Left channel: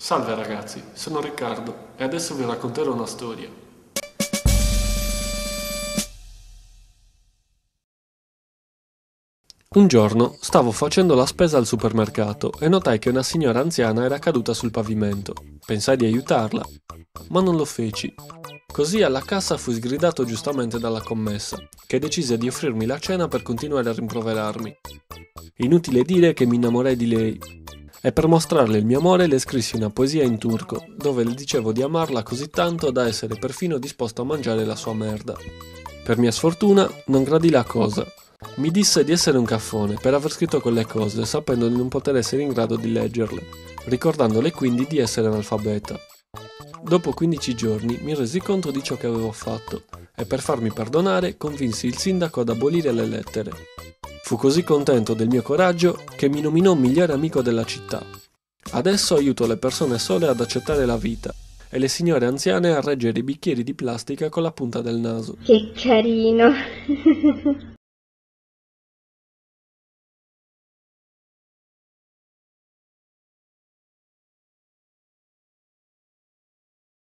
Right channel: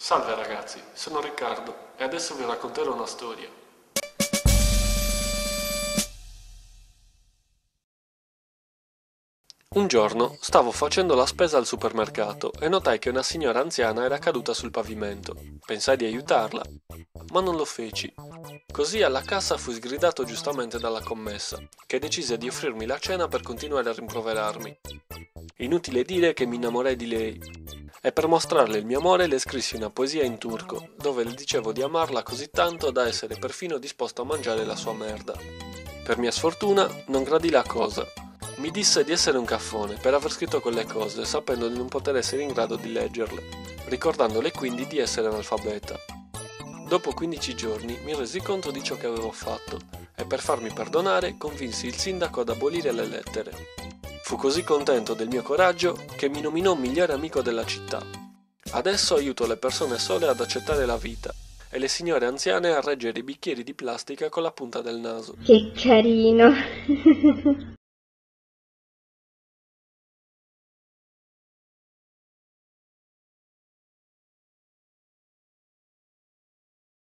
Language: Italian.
Salve ragazzi, sono Riccardo e adesso vi racconterò una storia. Un giorno stavo facendo la spesa al supermercato e notai che una signora anziana era caduta sul pavimento. Pensai di aiutarla, ma non lo feci. Così alla cassa fui sgridato giustamente dalla commessa, che decise di offrirmi la cena per continuare a rimproverarmi. Inutile dire che mi innamorai di lei e per mostrarle il mio amore le scrissi una poesia in turco, dove le dicevo di amarla così tanto da essere perfino disposto a mangiare la sua merda. Per mia sfortuna non gradì la cosa. Mi disse di essere un caffone per aver scritto quelle cose, sapendo di non poter essere in grado di leggerle, ricordandole quindi di essere analfabeta. Dopo 15 giorni mi resi conto di ciò che avevo fatto e per farmi perdonare convinsi il sindaco ad abolire le lettere. Fu così contento del mio coraggio che mi nominò migliore amico della città. Adesso aiuto le persone sole ad accettare la vita e le signore anziane a reggere i bicchieri di plastica con la punta del naso. Che carino!